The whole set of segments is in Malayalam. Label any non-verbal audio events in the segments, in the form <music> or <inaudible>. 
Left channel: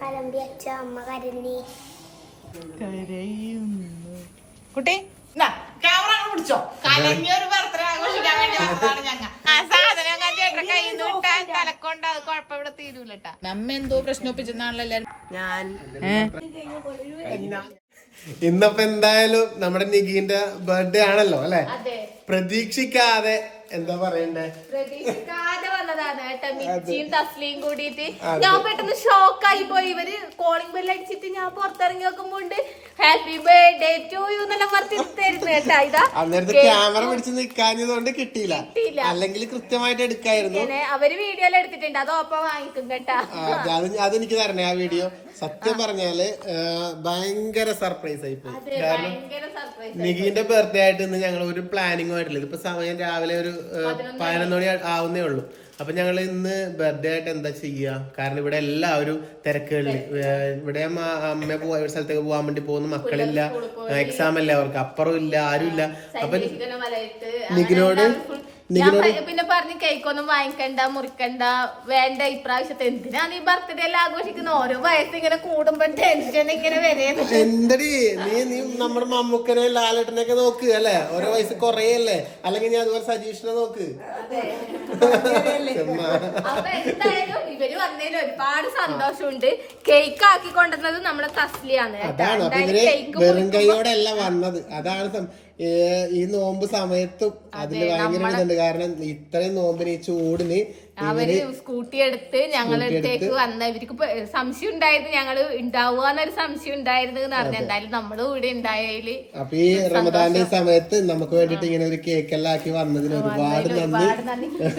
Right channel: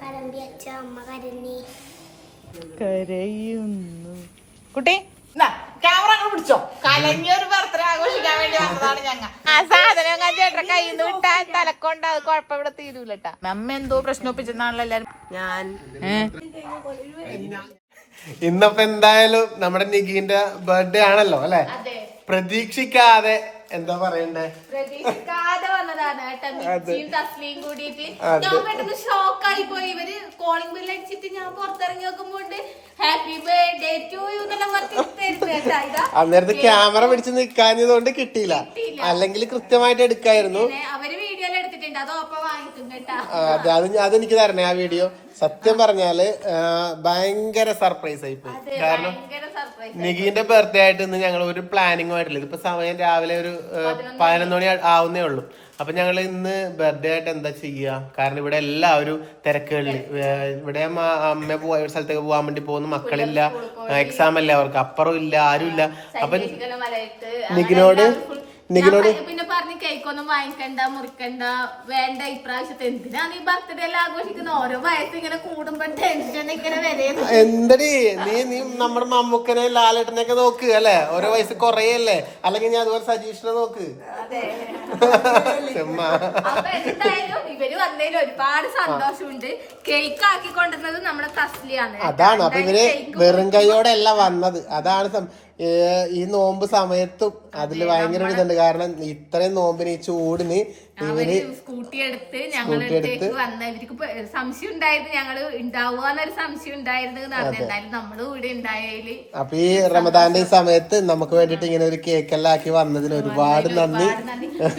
കലമ്പി അച്ഛ അമ്മ കരഞ്ഞി. കരയുന്നു. കുട്ടി? ക്യാമറ പിടിച്ചോ. കലങ്ങിയൊരു ബർത്ത്ഡേ ആഘോഷിക്കാൻ വേണ്ടി ഞങ്ങൾ. ആ സാധനം കയ്യിൽ നിന്ന് വിട്ടാൽ തലക്കൊണ്ട് അത് കുഴപ്പം ഇവിടെ തീരൂലട്ടാ നമ്മ എന്തോ പ്രശ്നം ഒപ്പിച്ചെന്നാണല്ലോ എല്ലാരും ഞാൻ ഇന്നപ്പോ എന്തായാലും നമ്മുടെ നിഗീന്റെ ബർത്ത്ഡേ ആണല്ലോ അല്ലെ? അതെ. പ്രതീക്ഷിക്കാതെ എന്താ പറയണ്ടേ? പ്രതീക്ഷിക്കാതെ വന്നതാണ് കേട്ടോ മിച്ചിയും തസ്ലിയും കൂടിയിട്ട്. ഞാൻ പെട്ടെന്ന് ഷോക്കായി പോയി. ഇവർ കോളിംഗ് ബെൽ അടിച്ചിട്ട് ഞാൻ പുറത്തിറങ്ങി നോക്കുമ്പോണ്ട് ഹാപ്പി ബർത്ത്ഡേ ടു യു എന്നെല്ലാം പറഞ്ഞ് തരുന്നു കേട്ടാ. ഇതാ അന്നേരത്ത് ക്യാമറ പിടിച്ച് നിൽക്കാഞ്ഞതുകൊണ്ട് കിട്ടിയില്ല. അല്ലെങ്കിൽ കൃത്യമായിട്ട് എടുക്കായിരുന്നു. അവർ വീഡിയോ എടുത്തിട്ടുണ്ട്. അത് ഒപ്പം വാങ്ങിക്കും കേട്ടാ. അതെനിക്ക് തരണേ ആ വീഡിയോ സത്യം പറഞ്ഞാൽ ഭയങ്കര സർപ്രൈസ് ആയി പോയി. കാരണം നിഗീന്റെ ബർത്ത്ഡേ ആയിട്ട് ഇന്ന് ഞങ്ങൾ ഒരു പ്ലാനിങ്ങും ആയിട്ടില്ല. ഇതിപ്പോ സമയം രാവിലെ ഒരു പതിനൊന്ന് മണി ആവുന്നേ ഉള്ളൂ. അപ്പൊ ഞങ്ങൾ ഇന്ന് ബർത്ത്ഡേ ആയിട്ട് എന്താ ചെയ്യുക കാരണം ഇവിടെ എല്ലാവരും തിരക്കുകളിൽ ഇവിടെ അമ്മ പോവാ ഒരു സ്ഥലത്തേക്ക് പോകാൻ വേണ്ടി പോകുന്നു. മക്കളില്ല. എക്സാം അല്ലേ അവർക്ക്? അപ്പുറം ഇല്ല ആരും ഇല്ല. അപ്പൊ നിഖിനോട് പ- പിന്നെ പറഞ്ഞു കേക്കൊന്നും വാങ്ങിക്കണ്ട മുറിക്കണ്ട വേണ്ട ഇപ്രാവശ്യത്തെ എന്തിനാണ് ഈ ബർത്ത്ഡേ എല്ലാം ആഘോഷിക്കുന്ന? ഓരോ വയസ്സ് ഇങ്ങനെ കൂടുമ്പോ ടെൻഷൻ ഇങ്ങനെ വരുന്നു. എന്തടി? നീ നീ നമ്മുടെ മമ്മൂക്കനെ ലാലേട്ടനെ ഒക്കെ നോക്ക് അല്ലെ? ഓരോ വയസ്സ് കുറയല്ലേ? അല്ലെങ്കിൽ ഞാൻ അതുപോലെ സജീഷിനെ നോക്ക്. <laughs> ഇവർ വന്നതിൽ ഒരുപാട് സന്തോഷമുണ്ട്. കേക്ക് ആക്കി കൊണ്ടുവന്നത് നമ്മുടെ തസ്ലിയാണ്. അതാണ്. അപ്പൊ ഇവർ വെറും കൈയോടെ അല്ല വന്നത്. അതാണ് ഈ നോമ്പ് സമയത്തും അതിൽ ഭയങ്കര ഇതുണ്ട്. കാരണം ഇത്രയും നോമ്പിന് ഈ ചൂടിന് അവർ സ്കൂട്ടി എടുത്ത് ഞങ്ങളടുത്തേക്ക് വന്ന ഇവർക്ക് സംശയം ഉണ്ടായിരുന്നു. ഞങ്ങൾ ഉണ്ടാവുകന്നൊരു സംശയം ഉണ്ടായിരുന്നു എന്ന് പറഞ്ഞു. എന്തായാലും നമ്മൾ കൂടെ ഉണ്ടായാൽ അപ്പൊ ഈ റമദാന്റെ സമയത്ത് നമുക്ക് വേണ്ടിട്ട് ഇങ്ങനെ ഒരു കേക്കെല്ലാം ആക്കി വന്നതിന് ഒരുപാട് നന്ദി.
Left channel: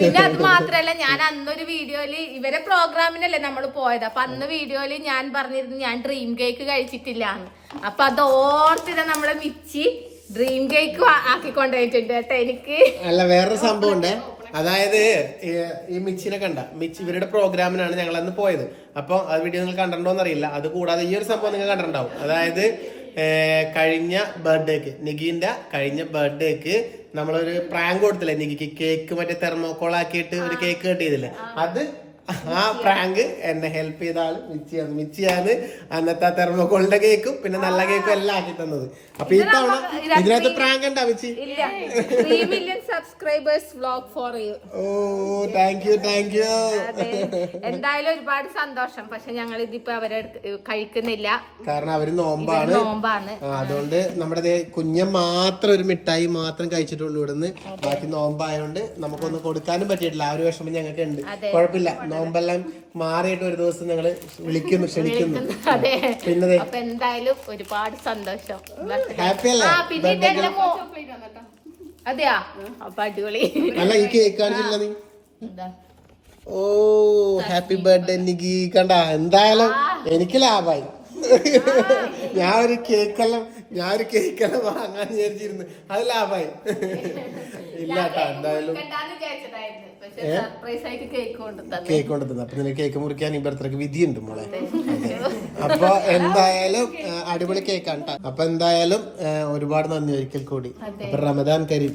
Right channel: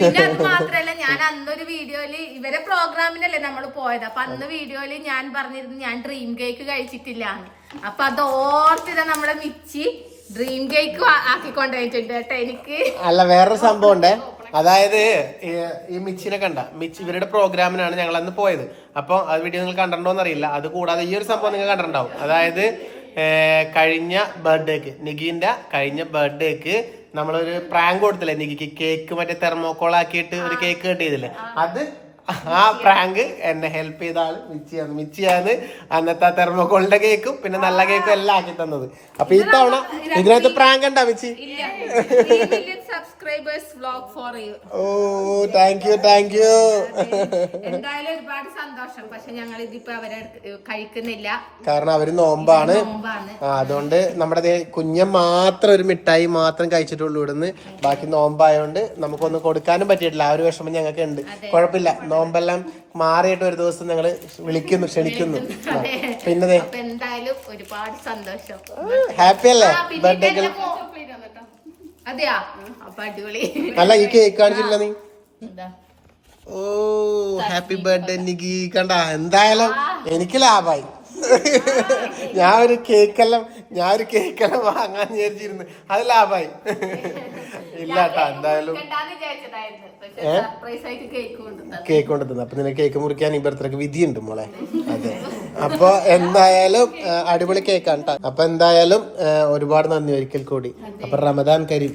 പിന്നെ അത് മാത്രല്ല ഞാൻ അന്നൊരു വീഡിയോയിൽ ഇവരെ പ്രോഗ്രാമിനല്ലേ നമ്മൾ പോയത്. അപ്പൊ അന്ന് വീഡിയോയിൽ ഞാൻ പറഞ്ഞിരുന്നു ഞാൻ ഡ്രീം കേക്ക് കഴിച്ചിട്ടില്ല അപ്പൊ അത് ഓർത്തിത നമ്മളെ മിച്ചി ഡ്രീം കേക്ക് ആക്കി കൊണ്ടുപോയിട്ടുണ്ട് കേട്ടോ എനിക്ക്. അല്ല വേറെ സംഭവം ഉണ്ട് അതായത് ഈ- മിച്ചിനെ കണ്ട. മിച്ച് ഇവരുടെ പ്രോഗ്രാമിനാണ് ഞങ്ങൾ അന്ന് പോയത്. അപ്പൊ അത് വീഡിയോ നിങ്ങൾ കണ്ടിട്ടുണ്ടോ അറിയില്ല. അത് കൂടാതെ ഈ ഒരു സംഭവം നിങ്ങൾ കണ്ടിട്ടുണ്ടാവും. അതായത് കഴിഞ്ഞ ബർത്ത്ഡേക്ക് നിഗിന്റെ കഴിഞ്ഞ ബർത്ത്ഡേക്ക് നമ്മളൊരു പ്രാങ്ക് കൊടുത്തില്ലേ? നിഗിക്ക് കേക്ക് മറ്റേ തെർമോക്കോൾ ആക്കിയിട്ട് ഒരു കേക്ക് കട്ട് ചെയ്തില്ലേ? അത് ആ പ്രാങ്ക് എന്നെ ഹെൽപ്പ് ചെയ്ത ആൾ മിച്ചിയാണ്. മിച്ചിയാണ് അന്നത്തെ ആ തെർമോക്കോളിന്റെ കേക്കും പിന്നെ നല്ല കേക്കും എല്ലാം ആക്കി തന്നത്. അപ്പൊ ഈ തവണ ഇതിനകത്ത് പ്രാങ്ക് ഉണ്ടാ മിച്ചി? സബ്സ്ക്രൈബേഴ്സ് വ്ലോഗ് ഫോർ യു ഓ താങ്ക് യു താങ്ക് യു എന്തായാലും ഒരുപാട് സന്തോഷം. പക്ഷെ ഞങ്ങൾ ഇതിപ്പോ അവരെ കഴിക്കുന്നില്ല. കാരണം അവർ നോമ്പാണ്. നോമ്പാണ്. അതുകൊണ്ട് നമ്മുടെ കുഞ്ഞൻ മാത്രം ഒരു മിഠായി മാത്രം കഴിച്ചിട്ടുള്ളൂ ഇവിടുന്ന്. ബാക്കി നോമ്പായോണ്ട് നമുക്കൊന്നും കൊടുക്കാനും പറ്റിയിട്ടില്ല. ആ ഒരു വിഷമം ഞങ്ങൾക്ക് ഉണ്ട് കുഴപ്പമില്ല. നോമ്പെല്ലാം മാറിയിട്ട് ഒരു ദിവസം ഞങ്ങൾ വിളിക്കുന്നു ക്ഷണിക്കുന്നു. പിന്നെ എന്തായാലും ഒരുപാട് സന്തോഷം. ഹാപ്പി അല്ലേ? അതെയാ? അപ്പൊ അടിപൊളി. അല്ല ഈ കേക്ക് കാണിച്ചില്ല നീ? ഓ ഹാപ്പി ബർത്ത്ഡേ നിക്കി കണ്ട എന്തായാലും എനിക്ക് ലാഭായി <laughs> ഞാൻ ഒരു കേക്കെല്ലാം ഞാൻ ഒരു കേക്കെല്ലാം വാങ്ങാൻ വിചാരിച്ചിരുന്നു. അത് ലാഭായി. <laughs> ഇല്ല കേട്ടാ എന്തായാലും കേക്ക് കൊണ്ടുതന്നു. അപ്പൊ നിനക്ക് കേക്ക് മുറിക്കാൻ ഈ ബർത്ത്ഡേക്ക് വിധിയുണ്ട് മോളെ. അപ്പൊ എന്തായാലും അടിപൊളി കേക്കാണ്. അപ്പൊ എന്തായാലും ഒരുപാട് നന്ദി ഒരിക്കൽ കൂടി. അപ്പൊ റമദാൻ കരീം.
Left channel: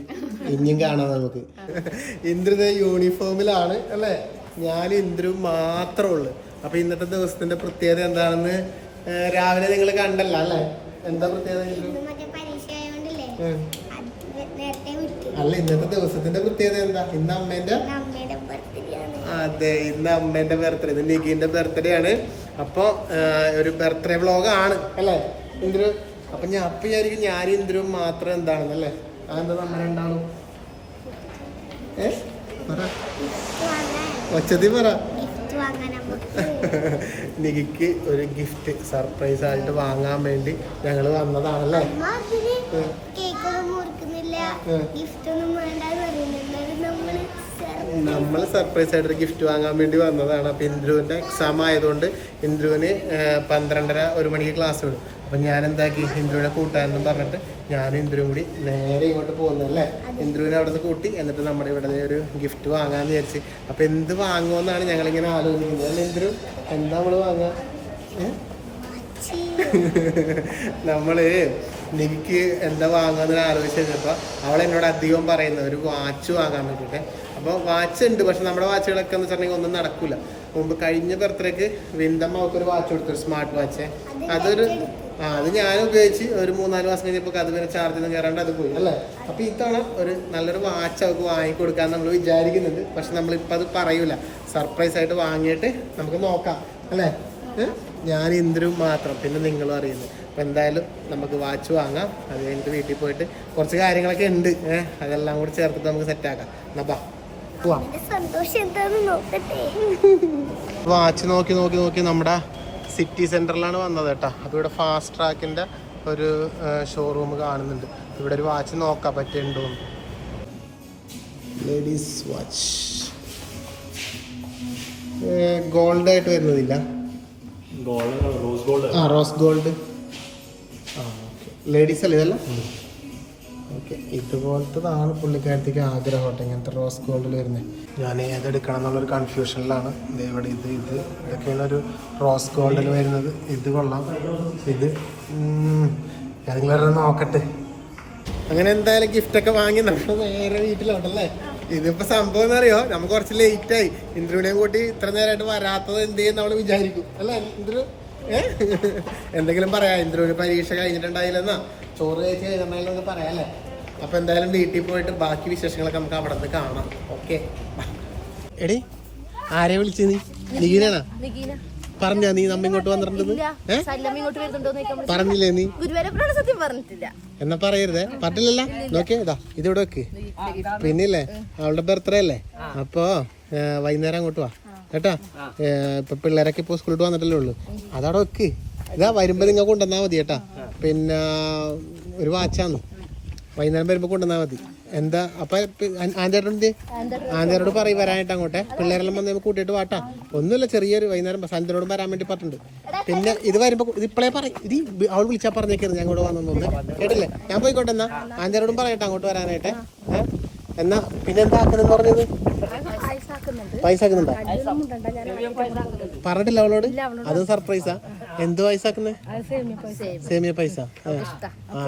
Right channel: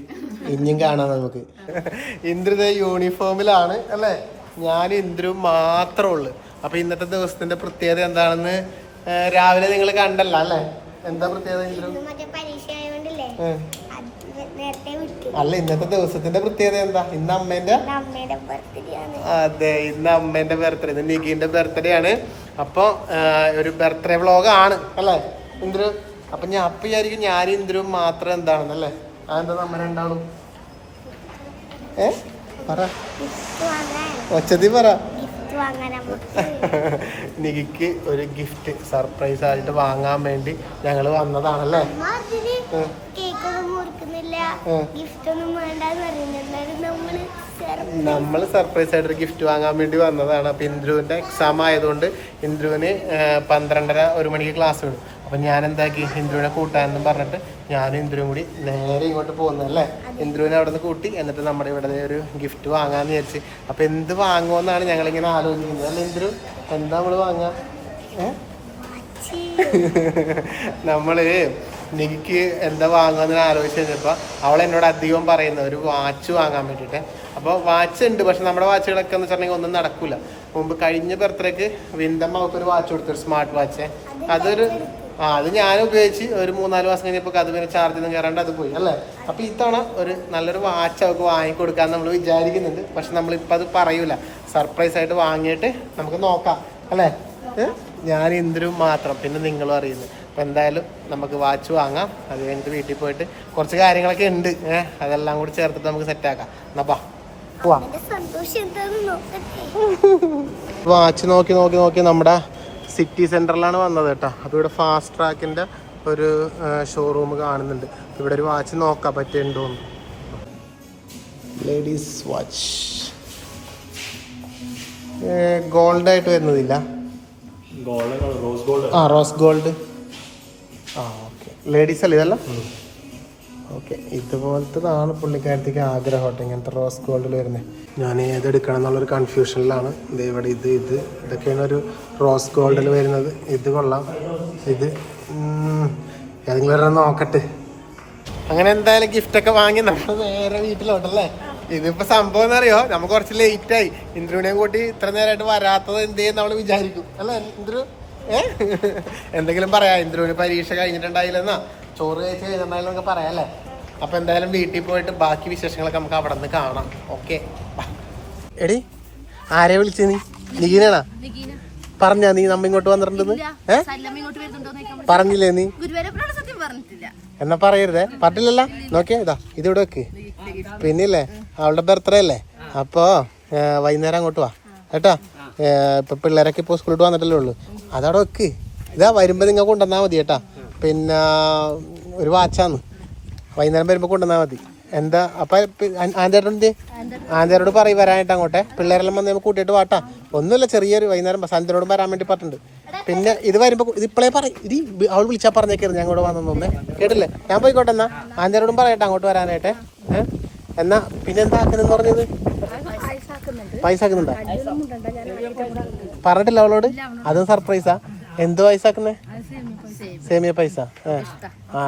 ഇനിയും കാണാം നമുക്ക്. ഇന്ദ്രിത യൂണിഫോമിലാണ് അല്ലേ? ഞാൻ ഇന്ദ്രു മാത്രമേ ഉള്ളു. അപ്പൊ ഇന്നത്തെ ദിവസത്തിന്റെ പ്രത്യേകത എന്താണെന്ന് രാവിലെ നിങ്ങൾ കണ്ടല്ല അല്ലെ? എന്താ പ്രത്യേകത അല്ല ഇന്നത്തെ ദിവസത്തിന്റെ പ്രത്യേകത എന്താ? ഇന്ന് അമ്മേന്റെ? അതെ ഇന്ന് അമ്മേന്റെ ബർത്ത്ഡേ ഇന്ന് നിഖിന്റെ ബർത്ത്ഡേ ആണ്. അപ്പൊ ഒരു ബർത്ത്ഡേ വ്ളോഗ് ആണ് അല്ലേ? ഇന്ദ്രു അപ്പൊ ഞാൻ അപ്പൊ വിചാരിക്കും ഞാൻ ഇന്ദ്രു മാത്രം എന്താണെന്ന് അല്ലേ? അതെന്താ നമ്മൾ രണ്ടാളും? ഏ? പറ. ഒച്ചതി പറ. നിഖിക്ക് <laughs> ഒരു ഗിഫ്റ്റ് സർപ്രൈസ് ആയിട്ട് വാങ്ങാൻ വേണ്ടി ഞങ്ങൾ വന്നതാണല്ലേ? നമ്മൾ സർപ്രൈസ് ആയിട്ട് ഒരു ഗിഫ്റ്റ് വാങ്ങാൻ വേണ്ടി വന്നതാണ്. അപ്പൊ ഇന്ദ്രുവിന്റെ എക്സാം ആയതുകൊണ്ട് ഇന്ദ്രുവിന് പന്ത്രണ്ടര ഒരു മണിക്ക് ക്ലാസ് വിടും. അപ്പൊ ഞാൻ എന്താക്കി ഇന്ദ്രുവിനെ കൂട്ടാനെന്നും പറഞ്ഞിട്ട് ഞാനും ഇന്ദ്രുവും കൂടി നേരെ ഇങ്ങോട്ട് പോകുന്നല്ലേ ഇന്ദ്രുവിനെ അവിടെ നിന്ന് കൂട്ടി എന്നിട്ട് നമ്മുടെ ഇവിടെ ഒരു ഗിഫ്റ്റ് വാങ്ങാന്ന് വിചാരിച്ച്. അപ്പൊ എന്ത് വാങ്ങുമെന്നാണ് ഞങ്ങൾ ഇങ്ങനെ ആലോചിക്കുന്നത്. അല്ല ഇന്ദ്രു? എന്താ നമ്മൾ വാങ്ങാ? നമ്മൾ <laughs> നമ്മൾ എനിക്ക് എന്താ വാങ്ങുമെന്ന് ആലോചിച്ച് കഴിഞ്ഞപ്പോ അവൾ എന്നോട് അധികം പറയുന്നത് ഒരു വാച്ച് വാങ്ങാൻ വേണ്ടിയിട്ട് അപ്പോൾ വാച്ച് ഉണ്ട് പക്ഷെ നമ്മുടെ വാച്ചുകളൊക്കെ എന്ന് വെച്ചിട്ടുണ്ടെങ്കിൽ ഒന്നും നടക്കൂല. മുമ്പ് കഴിഞ്ഞ ബർത്ത്ഡേക്ക് വിന്തമ്മ അവൾക്ക് ഒരു വാച്ച് കൊടുത്തൊരു സ്മാർട്ട് വാച്ച്. അതൊരു ആ അത് ഞാൻ ഉപയോഗിച്ച് ഒരു മൂന്നാൽ മാസം കഴിഞ്ഞപ്പോൾ അത് പിന്നെ ചാർജ് ഒന്നും കയറാണ്ട് അത് പോയി അല്ലേ? അപ്പോൾ ഇത്തവണ ഒരു നല്ലൊരു വാച്ച് അവൾക്ക് വാങ്ങിക്കൊടുക്കാൻ നമ്മൾ വിചാരിക്കുന്നുണ്ട്. പക്ഷെ നമ്മളിപ്പോൾ അത് പറയൂല. സർപ്രൈസ് ആയിട്ട് വാങ്ങിയിട്ട് നമുക്ക് നോക്കാം അല്ലേ? ഞാൻ ഇന്ദ്രു മാത്രം പിന്നെ നിങ്ങളും അറിയുന്നു. അപ്പം എന്തായാലും നമുക്ക് വാച്ച് വാങ്ങാം. അത് കഴിഞ്ഞിട്ട് വീട്ടിൽ പോയിട്ട് കുറച്ച് കാര്യങ്ങളൊക്കെ ഉണ്ട്. ഏഹ് അതെല്ലാം കൂടി ചേർത്തിട്ട് നമുക്ക് സെറ്റാക്കാം എന്നാ <laughs> വാച്ച് നോക്കി നോക്കി നോക്കി നമ്മുടെ സിറ്റി സെന്ററിലാണ് വന്നത് കേട്ടോ. അതിവിടെ ഫാസ്റ്റ് ട്രാക്കിന്റെ ഒരു ഷോറൂം കാണുന്നുണ്ട്. ഇവിടെ ഒരു വാച്ച് നോക്കാൻ പറ്റുന്നുണ്ടോ ലേഡീസ് വാച്ച് ഗോൾഡ് ആയിട്ട് വരുന്നതില്ല? ഗോൾഡ് റോസ് ഗോൾഡ് ആ റോസ് ഗോൾഡ് ആ ഓക്കെ ലേഡീസ് അല്ലേ ഇതല്ല? ഓക്കെ. ഇതുപോലത്തതാണ് പുള്ളിക്കാരത്തേക്ക് ആഗ്രഹം കേട്ടോ ഇങ്ങനത്തെ റോസ് ഗോൾഡിൽ വരുന്നത് ഞാൻ ഏതെടുക്കണം എന്നുള്ളൊരു കൺഫ്യൂഷനിലാണ് ഇത് ഇവിടെ ഇത് ഇത്. ഇതൊക്കെയാണ് ഒരു റോസ് ഗോൾഡിൽ വരുന്നത്. ഇത് കൊള്ളാം. ഇത്. ഏതെങ്കിലും നോക്കട്ടെ. അങ്ങനെ എന്തായാലും ഗിഫ്റ്റ് ഒക്കെ വാങ്ങി നമ്മൾ നേരെ വീട്ടിലോട്ടല്ലേ? ഇതിപ്പോ സംഭവം എന്നറിയോ നമുക്ക് കുറച്ച് ലേറ്റ് ആയി. ഇന്ദ്രുവിനെ കൂട്ടി ഇത്ര നേരമായിട്ട് വരാത്തത് എന്ത് ചെയ്യും നമ്മൾ വിചാരിക്കും. അല്ലെ ഇന്ദ്രു? ഏ? എന്തെങ്കിലും പറയാ ഇന്ദ്രുവിന് പരീക്ഷ കഴിഞ്ഞിട്ടുണ്ടായില്ലെന്നാ. ചോറ് കഴിച്ച് കഴിഞ്ഞിട്ടുണ്ടായില്ല നമുക്ക് പറയാം അല്ലേ? അപ്പൊ എന്തായാലും വീട്ടിൽ പോയിട്ട് ബാക്കി വിശേഷങ്ങളൊക്കെ നമുക്ക് അവിടെ നിന്ന് കാണാം. ഓക്കെ എടി ആരെ വിളിച്ചു നീ? നീനാണാ പറഞ്ഞാ നീ നമ്മ ഇങ്ങോട്ട് വന്നിട്ടുണ്ടെന്ന്? വരുന്നുണ്ടോ പറഞ്ഞില്ലേ നീ? എന്നാ പറയരുതേ. പറഞ്ഞില്ലല്ലോ. നോക്കിയാ ഇതാ ഇതിവിടെ വെക്ക്. പിന്നില്ലേ? അവളുടെ ബർത്ത്ഡേ അല്ലേ? അപ്പോ വൈകുന്നേരം അങ്ങോട്ട് വാ. കേട്ടാ? ഇപ്പൊ പിള്ളേരൊക്കെ ഇപ്പൊ സ്കൂളിൽ വന്നിട്ടല്ലേ ഉള്ളു. അതവിടെ വെക്ക്. ഇതാ വരുമ്പോ നിങ്ങൾ കൊണ്ടുവന്നാ മതി കേട്ടാ. പിന്നെ ഒരു വാച്ചാന്ന്. വൈകുന്നേരം വരുമ്പോ കൊണ്ടുവന്നാ മതി. എന്താ അപ്പൊ ആന്തേട്ടന്റെ ആന്തേരോട് പറയും വരാനായിട്ട് അങ്ങോട്ടെ. പിള്ളേരെല്ലാം വന്ന് നമുക്ക് കൂട്ടിയിട്ട് വാട്ടാ. ഒന്നുമില്ല ചെറിയൊരു വൈകുന്നേരം സാന്തിനോടും വരാൻ വേണ്ടി പറഞ്ഞിട്ടുണ്ട്. പിന്നെ ഇത് വരുമ്പോ ഇത് ഇപ്പോഴേ പറയും. ഇത് അവൾ വിളിച്ചാ പറഞ്ഞേക്കായിരുന്നു ഞാൻ കൂടെ വന്നൊന്നും കേട്ടില്ലേ? ഞാൻ പോയിക്കോട്ടെ എന്നാ ആന്തേരോടും പറയട്ടെ അങ്ങോട്ട് വരാനായിട്ട്? എന്നാ പിന്നെന്താ ആക്കുന്നെന്ന് പറഞ്ഞത്? പൈസ ആക്കുന്നുണ്ടോ പറഞ്ഞിട്ടില്ല അവളോട്? അതും സർപ്രൈസാ എന്ത് പൈസ ആക്കുന്നേ സേമിയ പൈസ. ആ.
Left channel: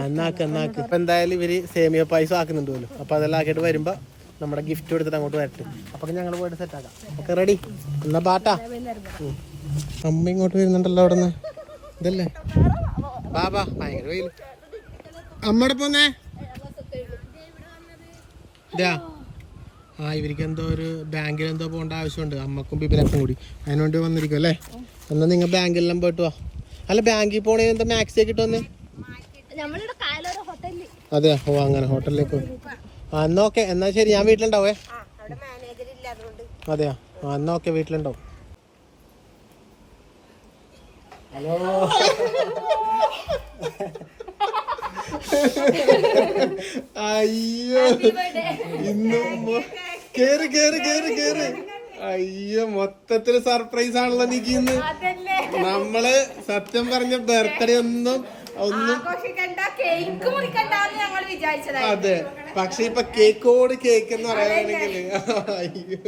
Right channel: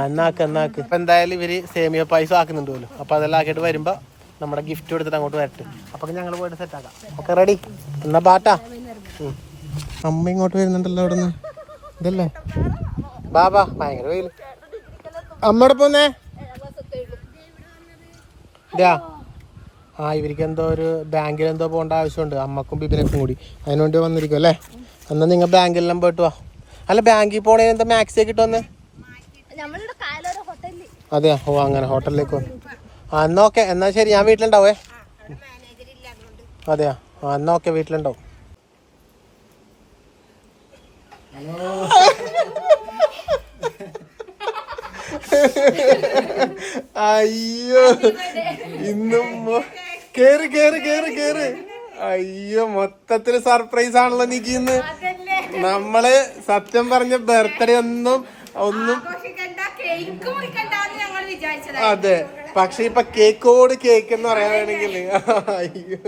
എന്നാക്ക എന്നാക്ക് ഇപ്പൊ എന്തായാലും ഇവർ സേമിയ പൈസ ആക്കുന്നുണ്ട് പോലും. അപ്പൊ അതെല്ലാം ആക്കിയിട്ട് വരുമ്പോ നമ്മുടെ ഗിഫ്റ്റ് കൊടുത്തിട്ട് അങ്ങോട്ട് വരട്ടെ. അപ്പൊ ഞങ്ങൾ പോയിട്ട് സെറ്റ് ആക്കാം. ഓക്കെ റെഡി എന്നാ പാട്ടാ അമ്മ ഇങ്ങോട്ട് വരുന്നുണ്ടല്ലോ അവിടെ നിന്ന് ഇതല്ലേ ബാബാ ഭയങ്കര വെയിൽ അമ്മയുടെ പോന്നേ? ആ ഇവർക്ക് എന്തോ ഒരു ബാങ്കിൽ എന്തോ പോകേണ്ട ആവശ്യമുണ്ട്. അമ്മക്കും ബിബിനക്കും കൂടി. അതിനുവേണ്ടി വന്നിരിക്കും അല്ലേ എന്നാൽ നിങ്ങൾ ബാങ്കിലെല്ലാം പോയിട്ട് വാ. അല്ല ബാങ്കിൽ പോണേന് എന്താ മാക്സി ഒക്കെ ഇട്ട് വന്നേ നമ്മളുടെ കായലോര ഹോട്ടലിൽ അതെ ഓ അങ്ങനെ ഹോട്ടലിലേക്ക് ആ എന്നാ ഓക്കെ എന്നാ ശരി ഞാൻ വീട്ടിലുണ്ടാവേ. അതെയാ ആ എന്നാ ഓക്കെ വീട്ടിലുണ്ടാവും. അയ്യോ ഇന്നും കേറി കേറി കേറി കേറ്. അയ്യോ മൊത്തത്തിൽ സർപ്രൈസ് ആണല്ലോ നിക്ക് ഇന്ന്. നമ്മൾ സത്യം പറഞ്ഞ ബർത്ത്ഡേ ഒന്നും ഒന്നും അതെ. പക്ഷെ ഇപ്പൊ കേക്കോട് കേക്ക് എന്ന് പറയാനാണെങ്കിൽ അയ്യോ.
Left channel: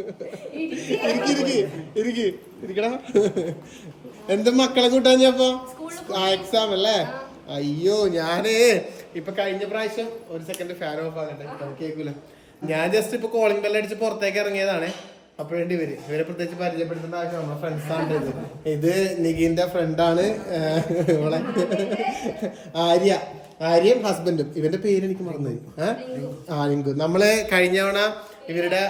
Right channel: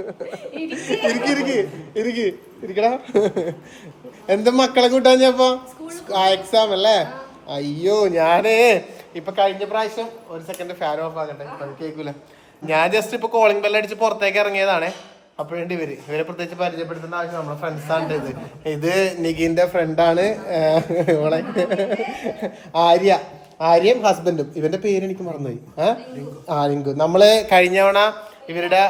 ഇരിക്ക് ഇരിക്ക് ഇരിക്ക് ഇരിക്കടാ. എന്താ മക്കളെ കൂട്ടാൻ ഞാപ്പോ എക്സാം അല്ലേ? അയ്യോ ഞാനേ ഇപ്പൊ കഴിഞ്ഞ പ്രാവശ്യം ഒരു സെക്കൻഡ് ഫാൻ ഓഫ് ആകട്ടെ. ഇപ്പൊ കേൾക്കൂല ഞാൻ ജസ്റ്റ് ഇപ്പൊ കോളിംഗ് ബെല്ലടിച്ച് പുറത്തേക്ക് ഇറങ്ങിയതാണ്. അപ്പോഴേണ്ടി ഇവർ ഇവരെ പ്രത്യേകിച്ച് പരിചയപ്പെടുത്തേണ്ട ആവശ്യം നമ്മളെ ഫ്രണ്ട്സ് ആണ് ഇത്. ഇത് നികിന്റെ ഫ്രണ്ടാണ് ഇവളെ ആര്യ. ആര്യയും ഹസ്ബൻഡും ഇവന്റെ പേര് എനിക്ക് മറന്നുപോയി. ആ ലിങ്കു. നമ്മൾ കഴിഞ്ഞ തവണ ഇവരുടെ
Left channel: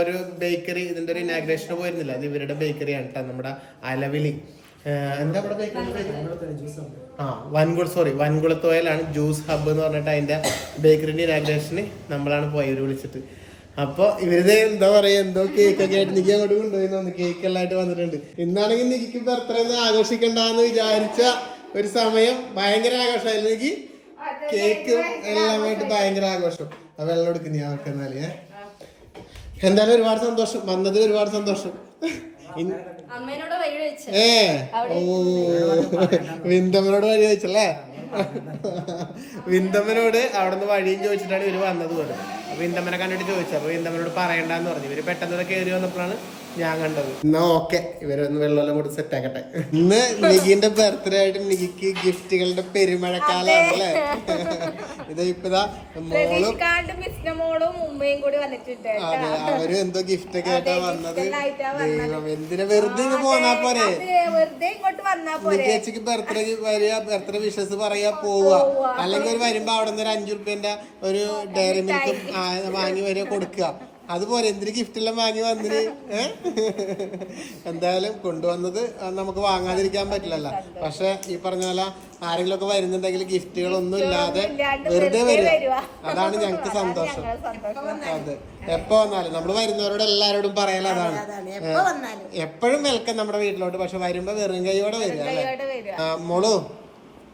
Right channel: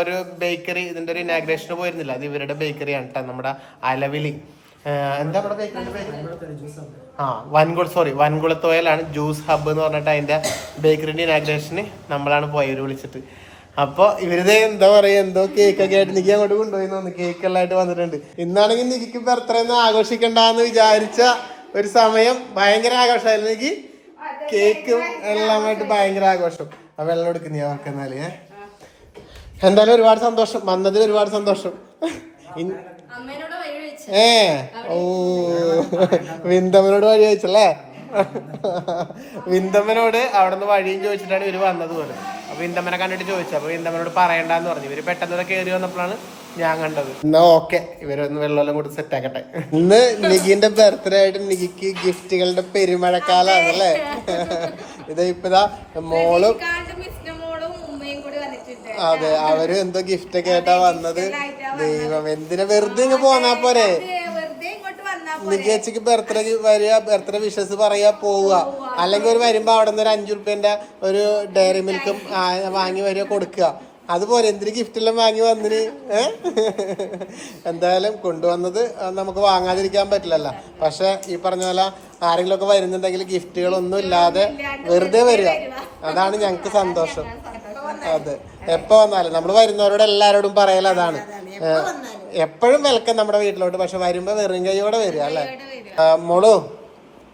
ഒരു ബേക്കറി ഇതിന്റെ ഒരു ഇനാഗ്രേഷന് പോയിരുന്നില്ല. അത് ഇവരുടെ ബേക്കറിയാണ് കേട്ടോ നമ്മുടെ അലവിലി എന്താ ബേക്കറി ആ വൻകുള സോറി വൻകുളത്തോയിലാണ് ജ്യൂസ് ഹബ്ബ് എന്ന് പറഞ്ഞിട്ട് അതിന്റെ ബേക്കറിന്റെ ഇനാഗ്രേഷന് നമ്മളാണ് പോയവര് വിളിച്ചിട്ട്. അപ്പൊ ഇവരുടെ എന്താ പറയാ എന്തോ കേക്ക് ഒക്കെ ആയിട്ട് നിക്ക് അങ്ങോട്ട് കൊണ്ടുപോയി തോന്നുന്നു. കേക്ക് എല്ലായിട്ട് വന്നിട്ടുണ്ട്. ഇന്നാണെങ്കിൽ നിക്ക് ബർത്ത്ഡേന്ന് ആഘോഷിക്കണ്ടെന്ന് വിചാരിച്ച ഒരു സമയം ഭയങ്കര ആഘോഷമായിരുന്നു എനിക്ക് കേക്കും എല്ലാമായിട്ട് ഭയങ്കര ആഘോഷം. ആ വെള്ളം എടുക്കുന്ന അവർക്ക് എന്നാലേ? എന്തായാലും ഒരുപാട് സന്തോഷം. വന്നതിൽ ഒരുപാട് സന്തോഷം. ഏ? ഓ. വിന്ദമനോട് വഴി ചോദിച്ചല്ലേ? വിന്തമ്മനോട് അവിടെ നിന്ന് വഴിയും ചോദിച്ചിട്ടാണ് ഇവർ വന്നത് പോലെ. അപ്പൊ വിന്തമ്മനെ കണ്ടിട്ട് ചോദിച്ചു. അപ്പൊ വിന്തമ്മനോട് പറയണ്ടെന്ന് പറഞ്ഞു. ഇവർ പെട്ടെന്ന് കയറി വന്നപ്പോഴാണ് ഞാൻ കണ്ടത്. എന്നാ ഓക്കെ. ഇവരൊന്ന് വെള്ളമെല്ലാം കൂടി സെറ്റ് ആക്കട്ടെ. ഇന്ന് നികിന്റെ ബർത്ത്ഡേ ആയിട്ട് നികിക്ക് ഗിഫ്റ്റുകളുടെ പെരുമഴക്കാലാണ് അല്ലേ ഇത് ഇപ്പതാ മോളും ഉമ്മയും കൂടി വന്നിട്ടുണ്ട് അതെ അവർ എന്തോ ഗിഫ്റ്റ് ഒക്കെ ആയിട്ടാ വന്നത്. ദൈവം എന്തിനാ വെറുതെ ഇങ്ങ് പോന്നാ പോരെ? വെറുതെ ഇങ്ങോട്ട് വന്നാ പോരെ. ബർത്ത്ഡേ വരിക ബർത്ത്ഡേ വിഷസ് പറയാ പോവുക. അല്ലെങ്കിൽ ഒരു വരുമ്പോ അവിടെ നിന്ന് ഒരു അഞ്ചു റുപ്യന്റെ ഒരു ഡയറി മിൽക്കും വാങ്ങി വരിക കൊടുക്കുക. അതുപോലെ എന്തിന് ഗിഫ്റ്റ് എല്ലാം വാങ്ങി വന്നിന്? എന്തായാലും കൊണ്ടുവന്നത് നമുക്ക് വാങ്ങാതിരിക്കാൻ പറ്റില്ലല്ലോ. പക്ഷെ ഈ പറഞ്ഞ പോലെ ആരെങ്കിലും ഒക്കെ വരുന്നുണ്ടെങ്കിൽ ഗിഫ്റ്റുകളൊന്നും ഇല്ലാതെ വെറുതെ വരിക. അതാണ് ഞങ്ങൾക്ക് സന്തോഷം. അതെ. എപ്പോ വന്നാലും. നമ്മൾ വരുന്നവരോട് എല്ലാരോടും പറയല അതാണ്. എപ്പോഴും വെൽക്കം നമ്മുടെ വീട്ടിലോട്ട്. പക്ഷെ വരുമ്പോ വെറും കൈയോടെ വരിക അല്ലെ? മോളു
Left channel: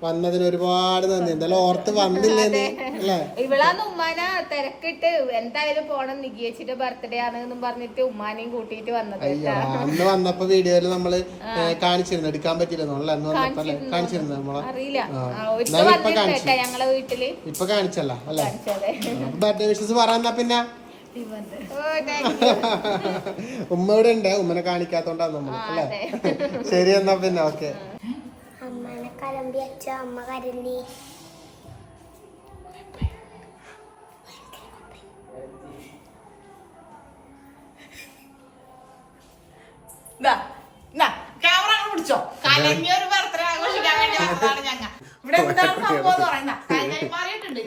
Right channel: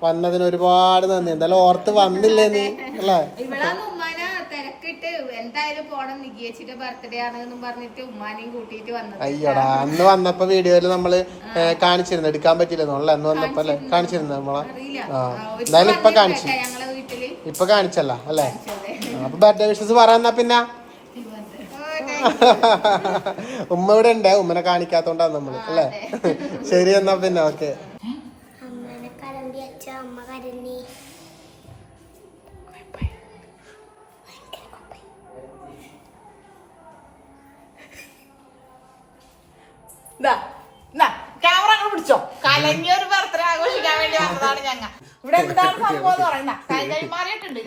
വന്നതിന് ഒരുപാട് നന്ദി. എന്തായാലും ഓർത്ത് വന്നില്ലേ നീ അല്ലേ? ഇവളാന്ന് ഉമ്മാന തിരക്കിട്ട് എന്തായാലും പോണം നികിയച്ചിട്ട് ബർത്ത്ഡേ ആണെന്നും പറഞ്ഞിട്ട് ഉമ്മാനെയും കൂട്ടിയിട്ട് വന്നത്. അയ്യടാ അന്ന് വന്നപ്പോ വീഡിയോയിൽ നമ്മൾ കാണിച്ചിരുന്നു. എടുക്കാൻ പറ്റില്ലെന്നോ അല്ലേ? അന്ന് വന്നപ്പോ അല്ലേ? കാണിച്ചിരുന്നു. നമ്മളെ? അറിയില്ല. ആ. എന്നാലും ഇപ്പൊ കാണിച്ചു. കേട്ടാ ഞങ്ങളെ വീട്ടിൽ. ഇപ്പൊ കാണിച്ചല്ല അല്ലേ. ബർത്ത്ഡേ വിഷസ് പറയാന്നാ പിന്നെ? ഓ, thank you. ഉമ്മ ഇവിടെ ഉണ്ട്. ഉമ്മനെ കാണിക്കാത്തോണ്ടാണ് നമ്മൾ അല്ലേ? ശരി എന്നാ പിന്നെ ഓക്കെ. കലമ്പി അച്ഛ അമ്മ കരണ്ടി പിടിച്ചോ. കലങ്ങിയൊരു ബർത്ത്ഡേ ആഘോഷിക്കാൻ വേണ്ടി വന്നതാണ് ഞങ്ങ. ഇവിടെ എന്താണ് സംഭവം എന്ന് പറഞ്ഞാ കൈ മാറിയിട്ടുണ്ട്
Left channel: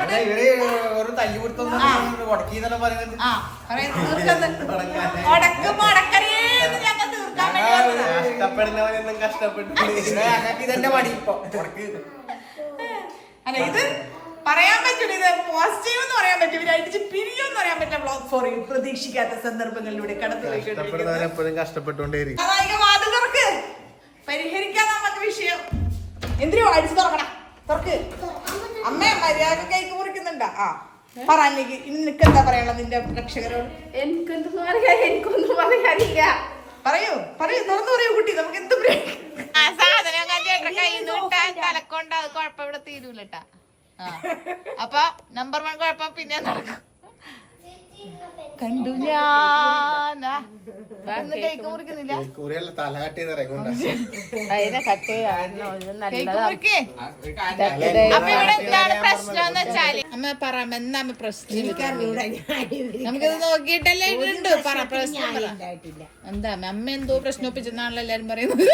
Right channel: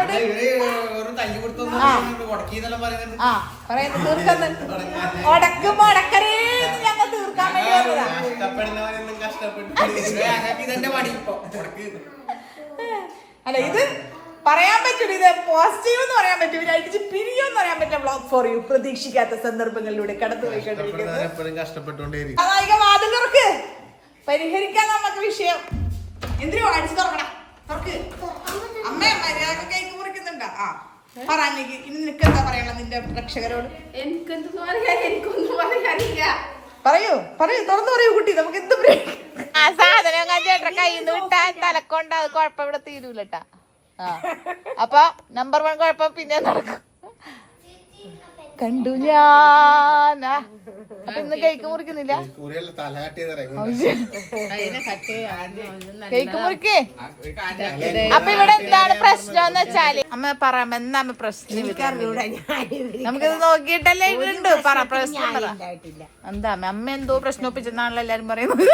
അല്ല ഇവർ ഒരു തല്ലി കൊടുത്തൊന്നും ഉടക്കിന്നെല്ലാം പറയുന്നത്. ഞങ്ങൾക്ക് പണി ഇപ്പൊ. അല്ല ഇത് പറയാൻ പറ്റില്ല ഇത് പോസിറ്റീവ് എന്ന് പറയാൻ പറ്റില്ല പറയാൻ പറ്റില്ല. സോറി പ്രതീക്ഷിക്കാത്ത സന്ദർഭങ്ങളിലൂടെ കടന്നു കഷ്ടപ്പെട്ടുകൊണ്ടേയിരിക്കും. പരിഹരിക്കാൻ നമുക്ക് വിഷയം. എന്തിനോ അടിച്ചു തുറക്കണം? തുറക്ക്. അമ്മ മര്യാദ ആ പറ അന്നേക്ക് നിനക്ക് എന്താ പറയാനുള്ള നിന്റെ പ്രേക്ഷകരോട്? എനിക്കെന്തെന്ന് പറയാൻ എനിക്കൊന്നും പറയാനില്ല പറയൂ പറയൂ തുറന്നു പറയൂ കുട്ടി നമുക്ക് എന്ത് ആ സാധനം ചേട്ടൻ കയ്യിൽ നിന്ന് വിട്ടാൽ തലക്കൊണ്ട് അത് കുഴപ്പം ഇവിടെ തീരൂലട്ടാ. <laughs> അപ്പൊ നമ്പർ വൺ കുഴപ്പം പിന്നെ നടക്കും. കണ്ടു ഞാൻ കേക്ക് മുറിക്കുന്നില്ല. അതിനെ കട്ട് അപ്പൊ ഇവിടെ എന്താണ് പ്രശ്നം എന്ന് വെച്ചാൽ? അമ്മ പറ എന്താണ് പ്രശ്നം നമുക്കിത് നോക്കിയിട്ടല്ലേ ഉണ്ട് പറ പ്രശ്നം പറ. എന്താ അമ്മ അമ്മ എന്തോ പ്രശ്നം ഒപ്പിച്ചെന്നാണല്ലോ എല്ലാരും പറയുന്നത്?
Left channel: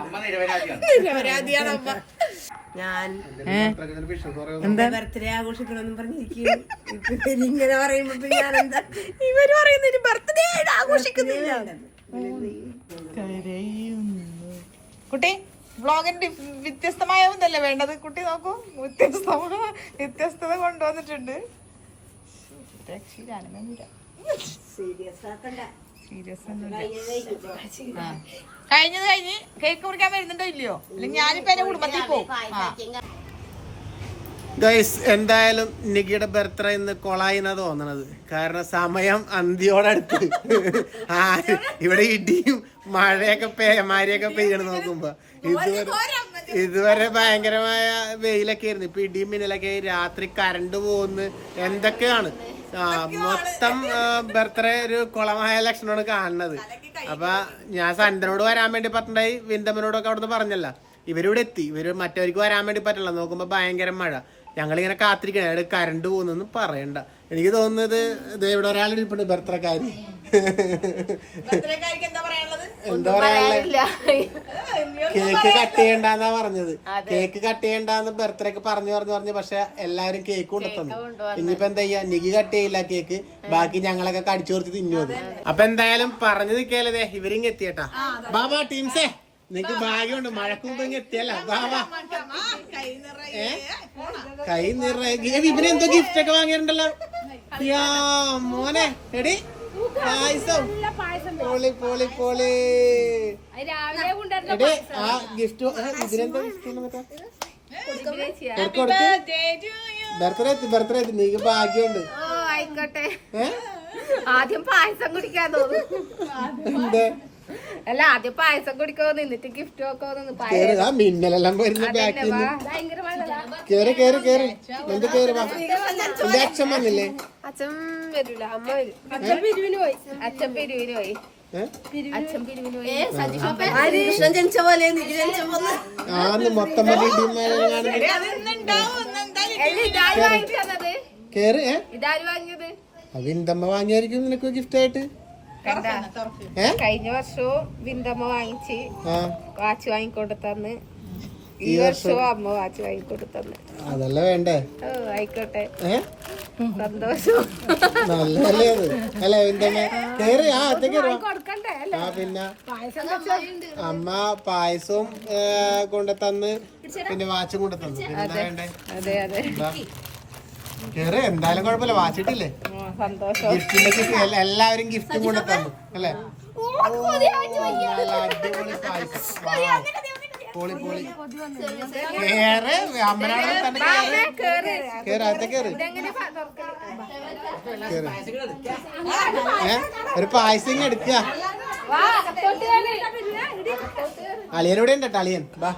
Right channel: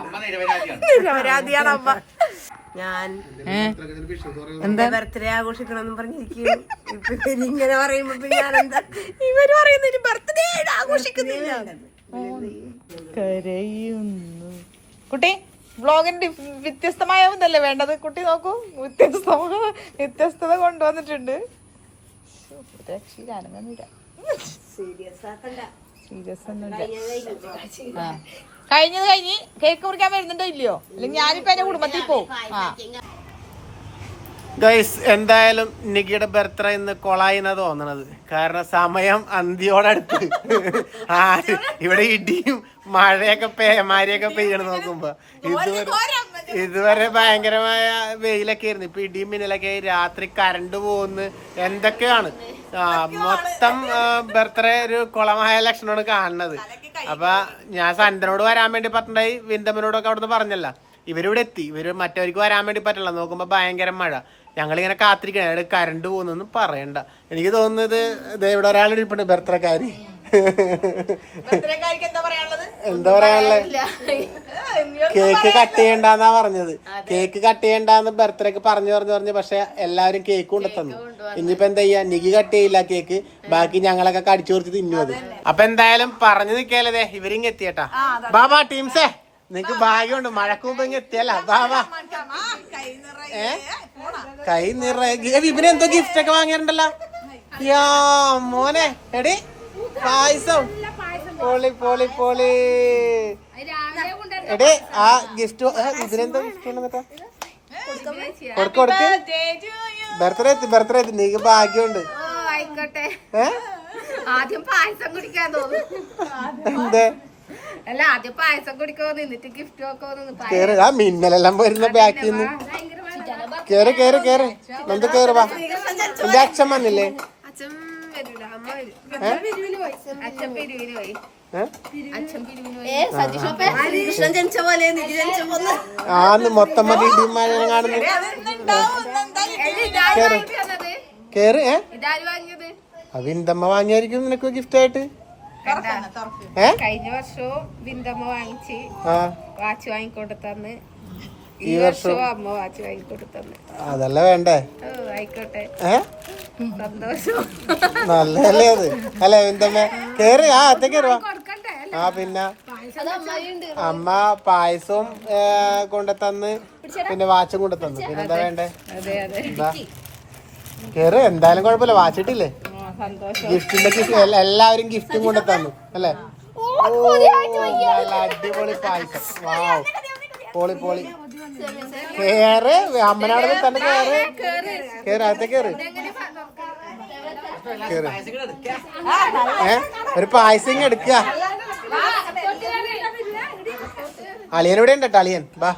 അമ്മ നിരപരാധിയാണ്. അമ്മ. ഞാൻ എന്താ? ബർത്ത്ഡേ ആഘോഷിക്കണമെന്ന് പറഞ്ഞിരിക്കും ഇങ്ങനെ പറയുമ്പോ ഞാൻ എന്താ ഇവർ പറയുന്നതിന് ബർത്ത്ഡേ ആഘോഷിക്കുന്നില്ല. കുട്ടി വ്ളോഗിന്റെ വ്യത്യസ്തമായ ഒന്നല്ലേ വേണ്ടത്? കുട്ടി നോക്കൂ. വ്യത്യസ്തമായ വ്യത്യസ്തത കൊണ്ടുവന്നിട്ടുണ്ട്. കഴിഞ്ഞത് കഴിഞ്ഞ് കേക്ക് മുറിക്കാൻ വരുന്നുണ്ടോ ഇല്ലയോ? അല്ലെങ്കിൽ ഞാനിപ്പോ എന്റെ കുടുംബത്തിൽ പോകും ഗൈസ് എന്തായാലും നികിയുടെ ബർത്ത്ഡേ ഇന്ന് കൊളായിന്നാ തോന്നണത്. കാരണം സമയം അന്തിയോടടുത്ത്. ആ ഇവിടെ ഇടിയും മഴയൊക്കെ പേമാരിയൊക്കെ പെയ്യണം നോക്കുമ്പോ. ഇതുവരെ ഇതുവരെ ഭയങ്കരമായ വെയിലൊക്കെ ആയിരുന്നു. ഇപ്പൊ ഇടിയും മിന്നലൊക്കെ ആയി. രാത്രി കറണ്ട് പോകുന്നു എന്തൊക്കെയാണ്? ആ മൊത്തം ബർത്ത്ഡേ ഒരു കുളമായ ലക്ഷണമാണ് കാണുന്നത്. അപ്പൊ ഞാൻ സന്തനോട് വരാൻ വേണ്ടി പറഞ്ഞിട്ടുണ്ടായി. വിന്ദമനോടൊക്കെ അവിടുന്ന് പറഞ്ഞല്ല. ഇവരിവിടെ എത്തി. ഇവർ മറ്റവർക്ക് വരാൻ വേണ്ടി പറ്റില്ല. നോക്കുമ്പോ ഭയങ്കര മഴ. ഞങ്ങളിങ്ങനെ കാത്തിരിക്കണം. അയാൾ കരണ്ട് പോകുന്നൊന്നും പറയണ്ട. എനിക്ക് തോന്നുന്നത് ദേ ഇവിടെ ഒരാളിരിപ്പുണ്ട് ബർത്ത്ഡേക്കാരി. എന്താ പറയാനുള്ളത്? കേക്ക് കട്ട് ചെയ്യണ്ടെന്നാ പറഞ്ഞത്. കേക്ക് കട്ട് ചെയ്യണ്ടെന്ന് ബർത്ത്ഡേക്ക് പറഞ്ഞു പറഞ്ഞു പറഞ്ഞു പക്ഷെ എല്ലാവരും കേക്ക് കൊണ്ടുത്തന്നു ഇനിയിപ്പോ എന്താ ചെയ്യാ? നികി കട്ട് ചെയ്യില്ല കേക്ക്. ബാക്കി ഞങ്ങളൊക്കെ കടിച്ചു കൊടുത്ത് തിന്നു അത്. അപ്പൊ എന്തായാലും പറഞ്ഞു നിക്കാലേ ഇവരിങ് എത്തിയട്ടാ. ബാബാ ടീംസേ. നിങ്ങക്ക് ഭാഗ്യമുണ്ട്. മഴക്ക് മുമ്പ് ഇങ്ങ് എത്തിയല്ല. ബാബാ ഏ? കൈ നിറയെ എന്തോ ഗിഫ്റ്റ് ഒക്കെ വാങ്ങിയിട്ടുണ്ടല്ലോ യാ മോനെ. എടി പായസം. Poly poly poly. എടേ ആ ഗിഫ്റ്റ് ഇതിനെന്താ ഗിഫ്റ്റ് കൊടുക്ക് കൊടുക്ക്. ബർത്ത്ഡേ ബർത്ത്ഡേ നീക്ക് ഭാഗ്യമുണ്ട്. ഓ ആയിക്കോട്ടെ. ആദ്യം പായസം കുടിക്കാൻ തോന്നുന്നു. എന്തേ? അല്ല ആദ്യം പായസം കുടിക്കോ നിന്നിട്ട് ഗിഫ്റ്റ് വെക്കോ നിന്ന് കേറ് ആ മിന്നലെല്ലാം വരുന്ന ബാക്കിൽ നിന്ന് കേറ് കേറ് കേറ്. എന്ത് കേറ് വാ. എന്റെ അച്ഛൻ വന്നില്ലേ? അച്ഛൻ വരൂല അമ്മ വരും. അച്ഛൻ പിരിവിന് പോയി. ജനിച്ച പോലെ ആന്ന് മൊത്തം മതി കാണുന്നു. കേറ്. ഏ? ഇതാര് വാങ്ങിയത്? അത് ഇന്റമ്മ വാങ്ങിയായിരിക്കും നിനക്ക് ഗിഫ്റ്റ് ആയിട്ട്. കഴിഞ്ഞ വർഷവും ബിന്ദമ്മ വാങ്ങിച്ച് ആ. വാച്ച് വാങ്ങിക്കൊടുത്തന്ന്. ഈ ഈ വർഷവും അമ്മ വാച്ച് വാങ്ങിക്കൊടുത്തന്ന്. അതല്ല വേണ്ടേ? ഓ ആയിക്കോട്ടെ. സന്തോഷം. അത്? അല്ല കേറി ആ പിന്നെ അമ്മ പായസവും കൊണ്ടുതന്ന് പിന്നെ വാച്ചും കൊണ്ടുതന്നു എന്താ വേണ്ടേ? അതെ അതെ. കേറ് എന്തായാലും കുഴപ്പമില്ല. വാച്ചിട്ടില്ലേ? സന്തോഷം. എല്ലാവരും ഗിഫ്റ്റും കൊണ്ടു തന്നു അല്ലേ? അടിപൊളി പായസം Wow. Poly poly. കേറ്. അമ്മനാടിൽ തന്നെ കേറ്. കേറ്. കേറ് അകത്തെ കേറ്. എങ്ങനെ തുറക്കാം? കേറ്. ഏ? ഒരു പായസം എടുക്ക. വാ അളിയൻ ഇവിടെ ഉണ്ട് കേട്ടോ അളിയൻ ബാ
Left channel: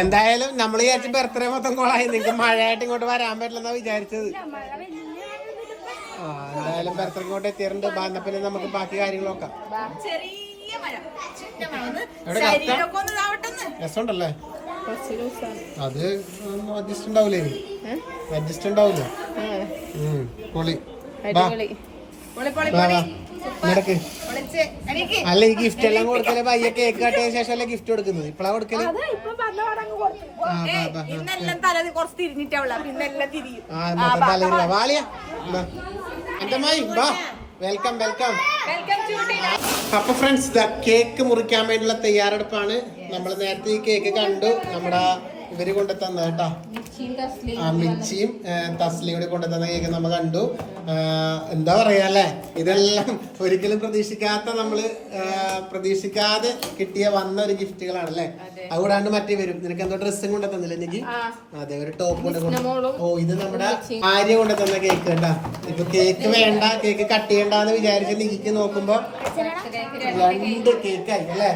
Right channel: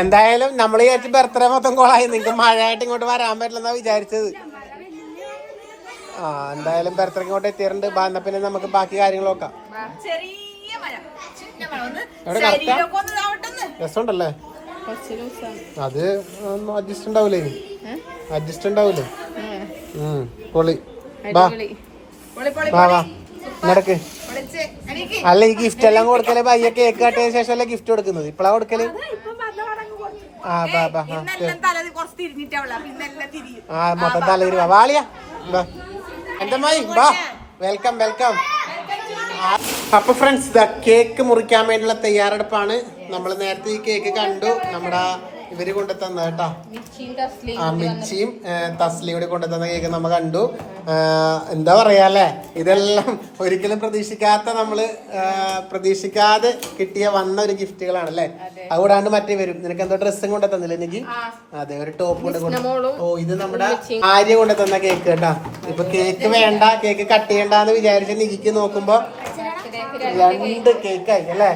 എന്തായാലും നമ്മൾ വിചാരിച്ച ബർത്ത്ഡേ മൊത്തം കോളായി. നിങ്ങൾക്ക് മഴയായിട്ട് ഇങ്ങോട്ട് വരാൻ പറ്റില്ലെന്നാ വിചാരിച്ചത്. ആ എന്തായാലും ഇങ്ങോട്ട് എത്തിയിട്ടുണ്ട്. പിന്നെ നമുക്ക് ബാക്കി കാര്യങ്ങൾ നോക്കാം ഇതാവട്ടെന്ന്. രസമുണ്ടല്ലേ? അത് അഡ്ജസ്റ്റ് ഉണ്ടാവൂലേ? അഡ്ജസ്റ്റ് ഉണ്ടാവൂലേ? ഉം, പൊളി. നടക്ക്. അല്ല ഈ ഗിഫ്റ്റ് എല്ലാം കൊടുക്കൽ പയ്യ കേക്ക് കട്ടിയ ശേഷം അല്ലേ ഗിഫ്റ്റ് കൊടുക്കുന്നത്? ഇപ്പളാ കൊടുക്കൽ? ആ തല തിരിയും. വാളിയാ ബാ എന്റെ മായി? ബാ. വെൽക്കം വെൽക്കം അപ്പൊ ഫ്രണ്ട്സ് കേക്ക് മുറിക്കാൻ വേണ്ടിയുള്ള തയ്യാറെടുപ്പാണ്. നമ്മൾ നേരത്തെ ഈ കേക്ക് കണ്ടു. നമ്മുടെ ഇവർ കൊണ്ടു കേട്ടോ. ആ മിച്ചിയും തസ്ലിയും കൂടി കൊണ്ടു തന്ന കേക്ക് നമ്മ കണ്ടു. എന്താ പറയാ അല്ലേ? ഇതെല്ലാം ഒരിക്കലും പ്രതീക്ഷിക്കാത്ത നമ്മൾ പ്രതീക്ഷിക്കാതെ കിട്ടിയ വന്ന ഒരു ഗിഫ്റ്റുകളാണ് അല്ലേ? അതുകൂടാണ്ട് മറ്റേ വരും. നിനക്ക് എന്താ ഡ്രസ്സും കൊണ്ടു തന്നില്ല എനിക്ക് അതെ ഒരു ടോപ്പ് കൊണ്ട് കൊണ്ടു. ഓ ഇത് നമ്മുടെ ആര്യ കൊണ്ടു തന്ന കേക്ക് കേട്ടാ. ഇപ്പൊ കേക്ക് വേണ്ട കേക്ക് കട്ട് ചെയ്യണ്ടെന്ന് വിചാരിച്ച് നികിക്ക് നോക്കുമ്പോ രണ്ട് കേക്ക് ആയി അല്ലേ?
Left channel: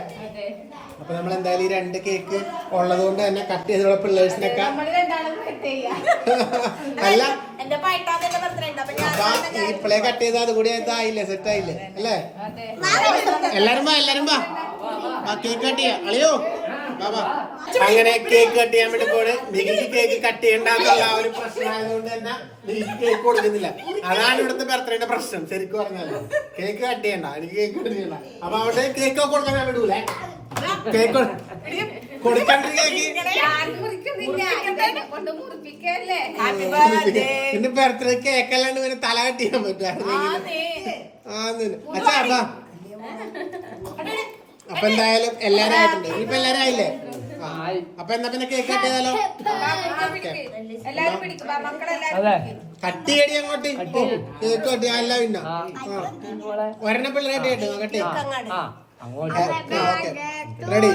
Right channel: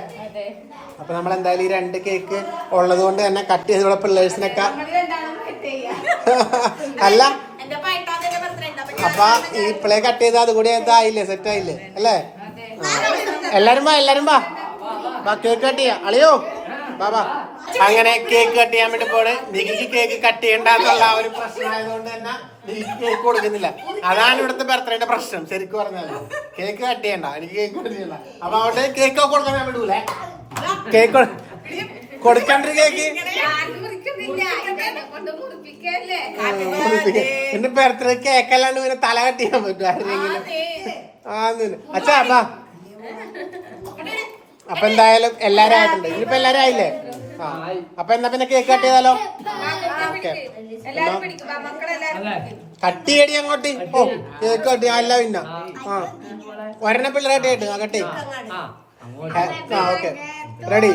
അപ്പൊ നമ്മൾ എന്തായാലും ഈ രണ്ട് കേക്ക് ഉള്ളത് കൊണ്ട് തന്നെ കട്ട് ചെയ്തുള്ള പിള്ളേഴ്സിനൊക്കെ അല്ല <laughs> അപ്പൊ ഈ പിള്ളേ കട്ട് ചെയ്ത് അതുകൂടി ആയില്ലേ സെറ്റ് ആയില്ലേ? അല്ലേ? എല്ലാരും വാ എല്ലാരും വാ. കേക്ക് കട്ട് ചെയ്യാം. അളിയോ. വാ അങ്ങനെ കേക്ക് കട്ട് ചെയ്യാൻ വേണ്ടി പോണ്. നികിക്ക് കേക്ക് കട്ട് ചെയ്യണ്ടെന്നുള്ള ഒരു പ്രശ്നമായതുകൊണ്ട് തന്നെ നികിക്ക് കേക്ക് കൊടുക്കുന്നില്ല. അതാണ് ഇവിടുത്തെ ബർത്ത്ഡേന്റെ പ്രശ്നം ശരിക്കും പറഞ്ഞാൽ കേക്ക് കട്ട് ചെയ്യണ്ട എനിക്ക് കേക്ക് കട്ട് ചെയ്യണ്ട. അപ്പൊ അവിടെ കേക്ക് കൊടുക്കാൻ ഞാൻ വിടൂലേ? കേക്ക് കൊടുക്കണ്ട ബർത്ത്ഡേ എന്റെ ബർത്ത്ഡേ കേക്ക് അല്ലാണ്ട് പിന്നെ തല കട്ട് ചെയ്യാൻ പറ്റും അച്ഛാ അതാ. അപ്പൊ എന്തായാലും എല്ലാരും ആയിട്ടുണ്ട്. ഇനിയിപ്പോ എല്ലാരും ആയില്ലേ. അപ്പൊ എന്നാ പിന്നെ കേക്ക് കട്ട് ചെയ്താലോ? കട്ട് ചെയ്യടി അങ്ങോട്ട്. ഓ കേക്ക് കട്ട് അല്ല പിന്നെ ആ. ഒരെണ്ണ പിള്ളേരായിട്ട് cut cut ready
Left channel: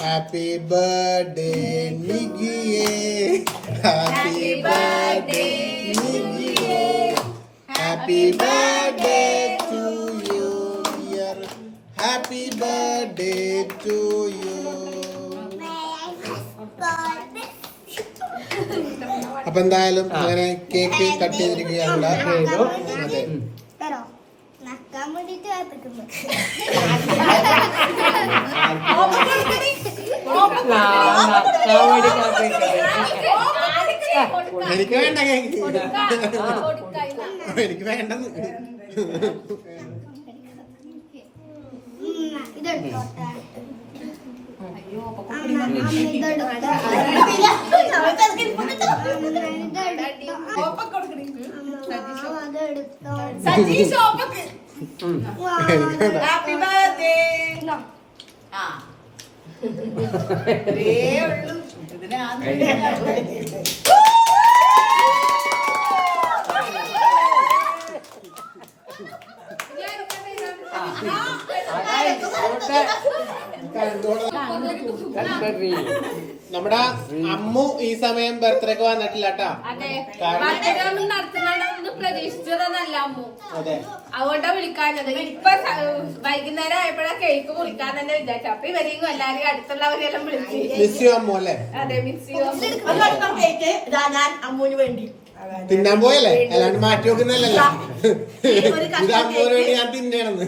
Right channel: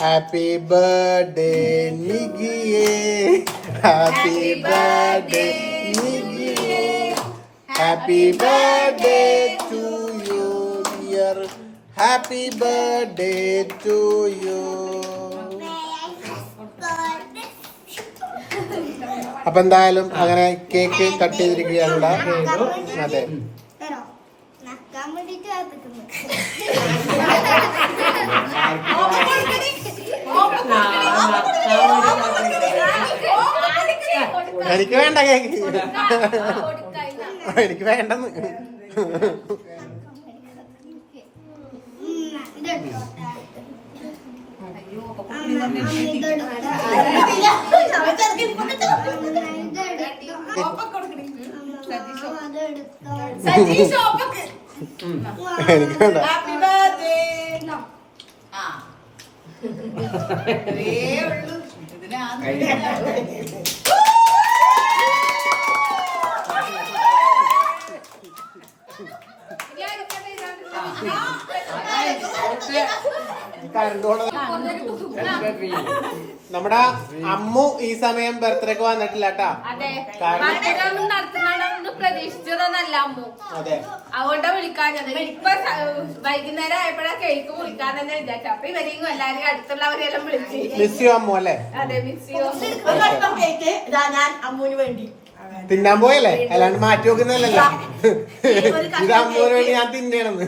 happy birthday നിഗിയേ happy birthday നിഗിയേ happy birthday to you dear happy birthday to you അപ്പൊ എന്തായാലും അങ്ങനെ കേക്ക് കട്ട് ചെയ്തിരിക്കുകയാണ്. അതെ <laughs> തരോ നക്കാൻ വേണ്ടിട്ട് കാത്തിക്കുന്നു എനിക്ക് വേണ്ട കേക്ക്. എനിക്ക് വേണ്ടെന്ന്. ഹാപ്പി ബർത്ത്ഡേ ആ. ഇതിനെ ഉള്ളൂ Thank you. നമ്മുടെ അമ്മു ഈ സമയം ബർത്ത്ഡേക്ക് വന്നിട്ടില്ല കേട്ടാ പ്രതീക്ഷിച്ചതെന്നല്ല അമ്മു അതെ അതുകൊണ്ടാ വിളിക്കാഞ്ഞത് ഇപ്പൊ വൈകുന്നേരം ആയപ്പോഴാ കേക്ക് വിളിക്കാൻ തന്നെ വിചാരിച്ചു അപ്പൊ ഇവരെയും എല്ലാരും അടുത്തുള്ളവരെല്ലാം വിളിച്ചു മിസ് യു അമ്മു അല്ലേ അതെ മിസ് കേക്ക് ഞാൻ അമ്മൂന് വേണ്ടി തിന്നാൻ പോയല്ലേ? അല്ലാണ്ട് മാറ്റി വെക്കുന്നല്ലോ ഇത് അമ്മോന് വേണ്ടി ഞാൻ തിന്നണെന്ന്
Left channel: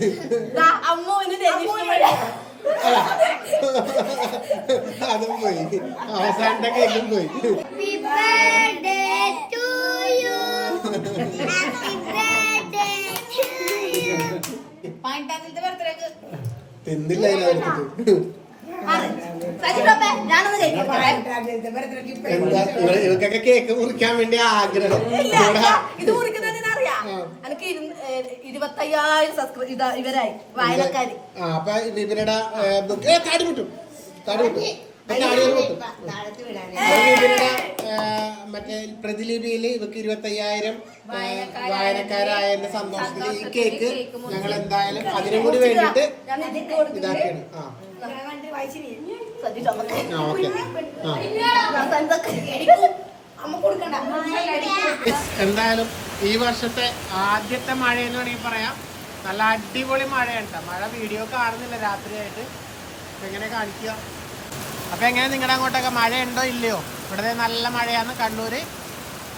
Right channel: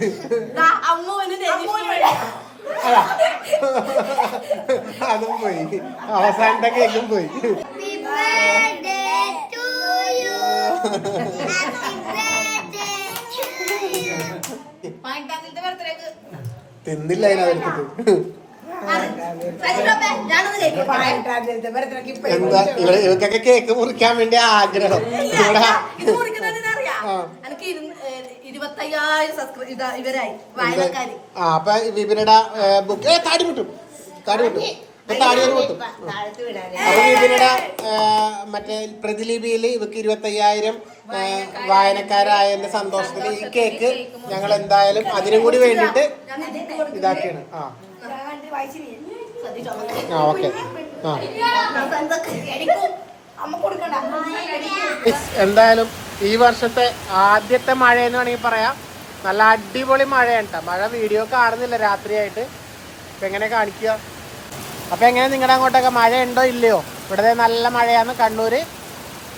അതും പോയി. അവസാനത്തെ കേക്കും പോയി. തിന്നില്ല അതിനകത്ത്. എന്താ ഇവ- ഇവർക്കൊക്കെ കേക്ക് മുറിക്കാൻ വേണ്ടി ആഗ്രഹം. ഇത് മുറിക്കുന്നതിന് അറിയാം. എനിക്ക് ഇരുപത്തയ്യായിരം സബ്സ്ക്രൈബ് ഇതാ ഇവരായി വായനക്കാര്. ആ അപ്പൊ വിപിനുടെ ബുക്ക് താടി കിട്ടും താടി കിട്ടും മറ്റേ പ്രതിലിപിയിൽ ഇവക്ക് ഇരുപത്തയ്യായിരം വായനക്കാരായതിന്റെ സന്തോഷത്തിൽ ഈ കേക്ക് ഞങ്ങൾ എന്തായാലും അതിനും കൂടി വേണ്ടിട്ട് ഇതാക്കിയാണ്. ആ. ആ ഓക്കെ. ആ. അമ്മ കൊടുക്കണ്ട. എന്തായാലും ഈ വർഷത്തെ ആദ്യത്തെ മഴ എന്ന് വേണമെങ്കിൽ പറയാം. നല്ല അടിപൊളി മഴയാണ്. മഴ വീഡിയോ കാണുന്നില്ല രാത്രിയായിട്ട്. അപ്പൊ എങ്ങനെ കാണിക്കുക? അപ്പൊ എങ്ങനെ നിങ്ങളുടെ അങ്ങോട്ടൊക്കെ മഴ ഉണ്ടോ ഇല്ലയോ? ഇവിടെ നല്ല മഴയാണ് കണ്ണൂര്.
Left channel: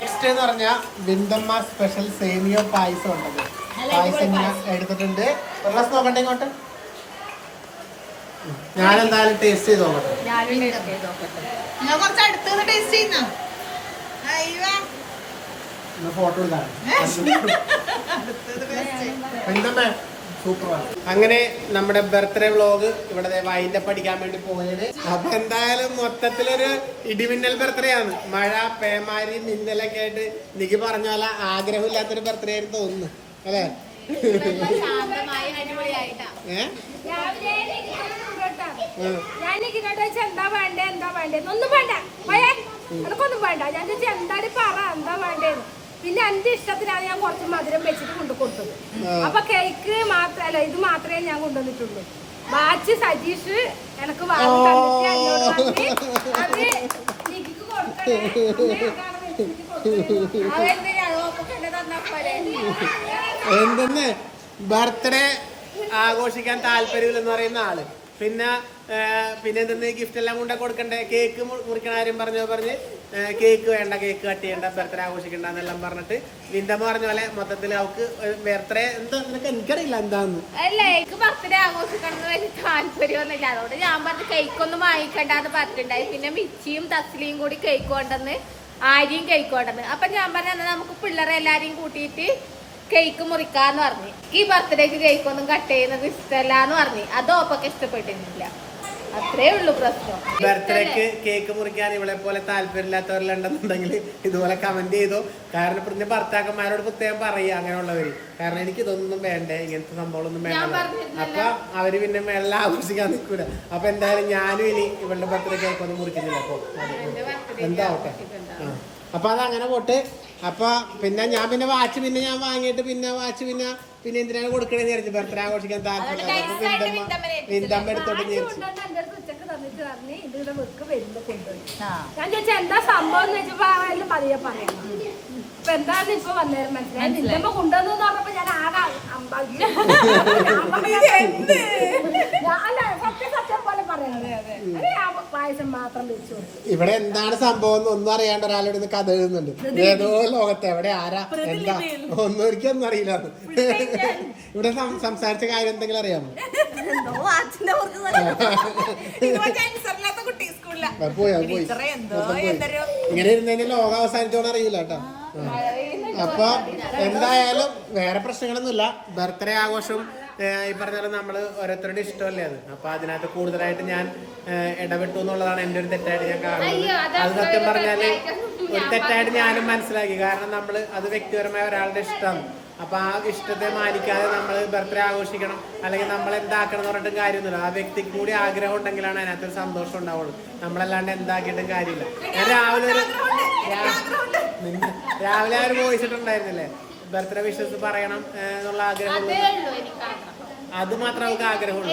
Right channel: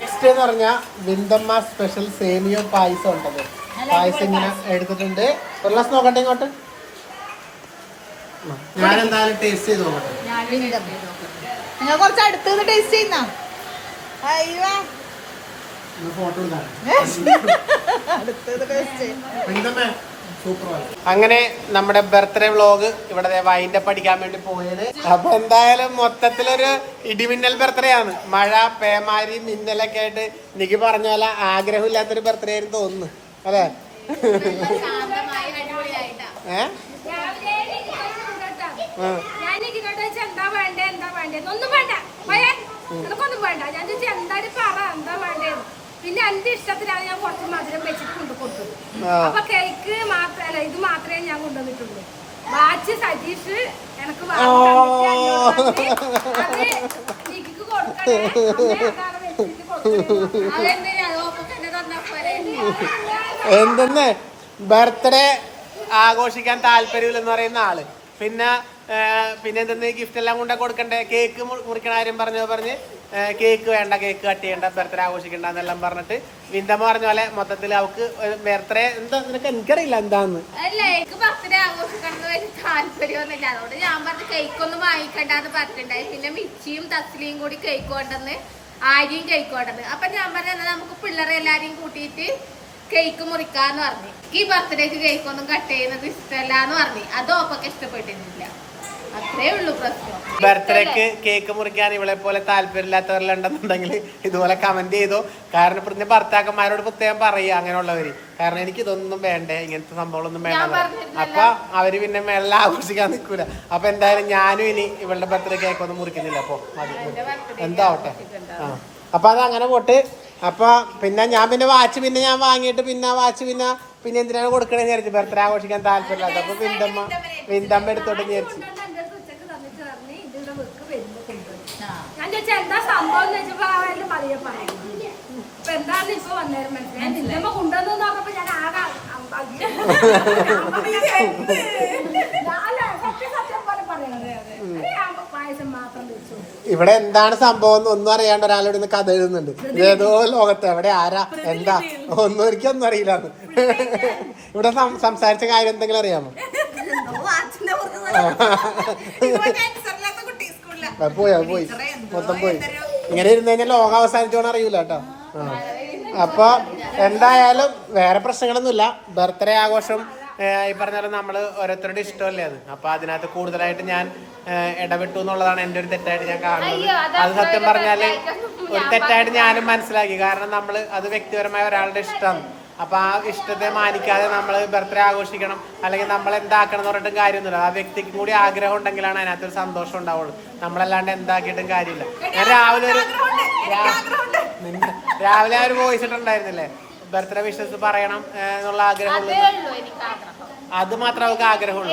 നെക്സ്റ്റ് എന്ന് പറഞ്ഞാൽ വിന്തമ്മ സ്പെഷ്യൽ സേമിയോ പായസം ഉണ്ടല്ലോ. പായസം എടുത്തിട്ടുണ്ട്. ഒരു ഗ്ലാസ് നോക്കട്ടെ ഇങ്ങോട്ട്. ഞാൻ എന്തായാലും ടേസ്റ്റ് ചെയ്ത് നോക്കട്ടെ. ഞാനും ടേസ്റ്റ് ചെയ്ത് നോക്കട്ടെ. കുറച്ച് ടേസ്റ്റ് ചെയ്യുന്ന. അയ്യോ ഫോട്ടോ അങ്ങനെ നമ്മുടെ ബർത്ത്ഡേ വ്ളോഗ് ഇവിടെ വൈൻഡ് അടിക്കാൻ വേണ്ടി പോയത്. അപ്പൊ എന്തായാലും മൊത്തത്തിലൊരു ഇടിമിന്നൽ ബർത്ത്ഡേ ആണ്. മഴ പേമാരി മിന്നലൊക്കെ ആയിട്ട് എനിക്ക് പറഞ്ഞ പോലെ ആഗ്രഹമില്ലാത്തൊരു ബർത്ത്ഡേ ആയിരുന്നു തോന്നുന്നു. അതെ ഏഹ്. ഞാൻ ഇങ്ങോട്ട് വെച്ചാൽ എന്താ വേണ്ടേ എന്താ വേണ്ടേ? ഒന്നും വേണ്ട. പോയേ എനക്കൊന്നും വേണ്ട. ഞാൻ ചോദിച്ചു എന്താണ് പറ എന്താ വേണ്ടേന്ന്? പിന്നെ എന്റെ ഇഷ്ടത്തിനാണ് ഞാൻ കുറച്ച് മധുരം വെച്ചിട്ട് കൊണ്ടു കൊടുത്തത്. അപ്പൊ കേക്ക് മാത്രല്ല ഇത് മാത്രമേ ഞാൻ കൊണ്ടുവന്നിട്ടുള്ളൂ. വാച്ച് സജീഷ് എനക്ക് എന്തെന്ന്? ബർത്ത്ഡേ ആഘോഷിക്കാൻ താല്പര്യമില്ലെന്ന് പറയുന്ന ആൾ. പിന്നെ പിന്നെ എന്തെന്ന് ഗിഫ്റ്റ് എല്ലാം കൊണ്ട് കൊടുക്കണ്ടേ? കേക്ക് മുറിക്കണ കാര്യം പറഞ്ഞു പറഞ്ഞ് കേക്ക് വേണ്ട കേക്ക് കട്ട് ചെയ്യണ്ട ബർത്ത്ഡേ ആഘോഷിക്കണ്ട എന്നെല്ലാം പറഞ്ഞിട്ട് വിന്തമ്മ പറഞ്ഞ പോലെ മൊത്തത്തിൽ അവക്ക് ബർത്ത്ഡേ എന്താ നിനക്ക് എനിക്കറിയില്ല എന്താന്ന്. അല്ല എനിക്ക് ബർത്ത്ഡേ ആഘോഷിക്കണം താല്പര്യമൊന്നുമില്ല. അതുകൊണ്ട് ഞാൻ പറഞ്ഞു കേക്ക് ഒന്നും വാങ്ങിക്കണ്ടെന്ന് പറഞ്ഞിട്ടുണ്ടായി. പിന്നെ മിച്ചിയും തസ്ലിയും കൂടി കേക്ക് കൊണ്ടെന്ന് ആര്യയും കേക്ക് കൊണ്ടെന്ന് അപ്പൊ ഞാൻ പറഞ്ഞു നമുക്ക് പിള്ളേരെ എല്ലാരെയും കൂട്ടിയിട്ട് കേക്ക് മുറിക്കാന്ന് പറഞ്ഞു. ഈ ബർത്ത്ഡേക്ക് കേക്ക് ഒന്നും കട്ട് ചെയ്യുന്നത് ഇഷ്ടമല്ല എന്ന് പറഞ്ഞു. അത് ഓപ്പൊക്കെ ഇഷ്ടപ്പെട്ടിട്ടില്ല അത്രേ ഉള്ളൂ പ്രശ്നം. ബർത്ത്ഡേക്ക് കേക്ക് മുറിക്കാൻ ഇവളെ പോലെ താല്പര്യമില്ലാത്തവരിലുണ്ടെന്നുണ്ടെങ്കിൽ ഇതുപോലെ കമന്റ് ചെയ്തോ. കാരണം ഇപ്പൊ ഭർത്താക്കന്മാരോട് പ്രത്യേകം പറയുക അങ്ങനെയുള്ളവര്. കാരണം എനിക്ക് ഇതൊന്നും വേണ്ടേ ഇങ്ങനത്തെ സംഭവങ്ങളൊന്നും വേണ്ട. അപ്പൊ അവർ പിന്നെ മേളിൽ ആഘോഷിക്കാൻ നിൽക്കൂല. അപ്പൊ എന്തായാലും ഞാനും ഇനി ഇവളുടെ ബർത്ത്ഡേ കേക്ക് ഒന്നും മുറിക്കുന്നില്ല. അപ്പൊ എന്താവട്ടെ? അപ്പൊ അത് അങ്ങനെ പോട്ട്. അപ്പൊ പിന്നെ ഞാൻ പിന്നെ വാച്ച് പിന്നെ ഞാൻ വാങ്ങിയിട്ട് പിന്നെ വാച്ച് പിന്നെ പിന്നെ എന്തിനാണ് കൊടുക്കണമെന്ന് വിചാരിച്ചു ബർത്ത്ഡേ ആഘോഷിക്കാൻ താല്പര്യമില്ല. അപ്പൊ വിന്തമ്മ വിന്തമ്മ എടുത്തോട്ട് വിചാരിച്ചു. ഞാൻ ചോദിച്ചാ എന്താ സംഭവം? എന്ന് വെച്ചപ്പോ അവരുടെ പതിയെ പറയും. ഇപ്പൊ എന്താണ് ഇപ്പൊ വന്നേരം മനസ്സിലായി? നിന്റെ അമ്മ കൊണ്ടുവന്നു പറഞ്ഞപ്പോ ഞാൻ ആകെ അമ്പാ <laughs> അല്ല സത്യം സത്യം പോലെ പറയണത് അത് ഞാൻ പായസം മാത്രം വെച്ചു കൊടുത്തു. ഇവിടെ എന്താണ് സംഭവം എന്ന് ഒന്നും അറിയാണ്ട് ഒരാളോട് ഇന്ന് കഥ എഴുതുന്നുണ്ട്. ഏതോ ലോകത്ത് എവിടെ ആരാ എന്താ ഒന്നും ഒരിക്കലും അറിയില്ല ഇവിടെ സംസാരിച്ച കാര്യം എന്തെങ്കിലും അറിയാമോ? പോയാ. പോയോ മൊത്തം പോയി. ഇങ്ങനെ ഇരുന്ന് കഴിഞ്ഞാൽ ലോകം അവസാനിച്ചോന്ന് അറിയില്ല കേട്ടോ. അപ്പൊ എന്തായാലും വേറെ പ്രശ്നങ്ങളൊന്നുമില്ല. ബർത്ത്ഡേ ആഘോഷം ഈ പറഞ്ഞ പോലെ നമ്മൾ ഓരോരുത്തരുടെ ഇഷ്ടമല്ലേ അത്? അപ്പൊ അതിനകത്ത് കൂടുതലായിട്ട് ഞാൻ ഇടപെട്ടു എന്നുള്ളതാണ് എന്റെ ഒരു തെറ്റായിട്ട് ഞാൻ കാണുന്നത്. അത് സത്യം പറഞ്ഞാൽ ഒരു തെറ്റായിട്ട് ഞാനും മനസ്സിലാക്കി. കാരണം നമ്മൾ അത് വ്യക്തിപരമായ ഒരാളുടെ ഇഷ്ടമാണ് അപ്പൊ ആ ഇഷ്ടത്തെ മാനിക്കാതെ നമ്മൾ ബർത്ത്ഡേ ആഘോഷിക്കണം അല്ലെങ്കിൽ നമ്മൾ എന്താക്കണം എന്ന് പറഞ്ഞിട്ടും കാര്യമൊന്നുമില്ല. ആ വ്യക്തിക്ക് കൂടി ആഗ്രഹം ഉണ്ടെങ്കിലാണ് അതിനകത്തൊരു സന്തോഷം ഉണ്ടാവുള്ളൂ. നമ്മളല്ലാണ്ട് എന്താക്കിയിട്ടും കാര്യമില്ല. ഞാൻ രാവിലെ ഒരു രാവിലെ ആ ഒരു വോയിസ് ഇട്ടുണ്ടായിരുന്നില്ലേ ബർത്ത്ഡേ വിഷസ് പറയണം എന്നുള്ള ആഗ്രഹം അത് മാത്രം അവർക്ക് ആഗ്രഹമുള്ളൂ.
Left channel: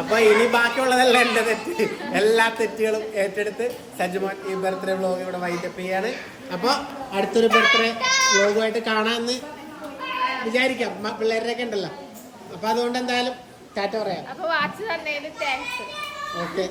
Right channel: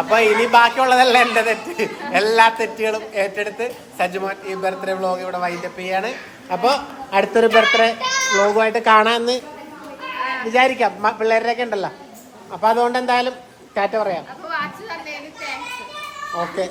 അപ്പൊ അവൾക്ക് ഇനി ബാക്കിയുള്ളതല്ല എന്റെ തെറ്റ്. എല്ലാ തെറ്റുകളും ഏറ്റെടുത്ത് സജ്ജുമോൻ ഈ ബർത്ത്ഡേ വ്ലോഗ് ഇവിടെ വൈൻഡപ്പ് ചെയ്യാണ്. അപ്പൊ അടുത്തൊരു ബർത്ത്ഡേ വ്ലോഗുമായിട്ട് കാണാമെന്ന് വിചാരിക്കാം. പിള്ളേരുടെയൊക്കെ ഉണ്ടല്ലോ. അപ്പൊ അതുകൊണ്ട് എന്തായാലും ടാറ്റ പറയാം. ഓക്കെ.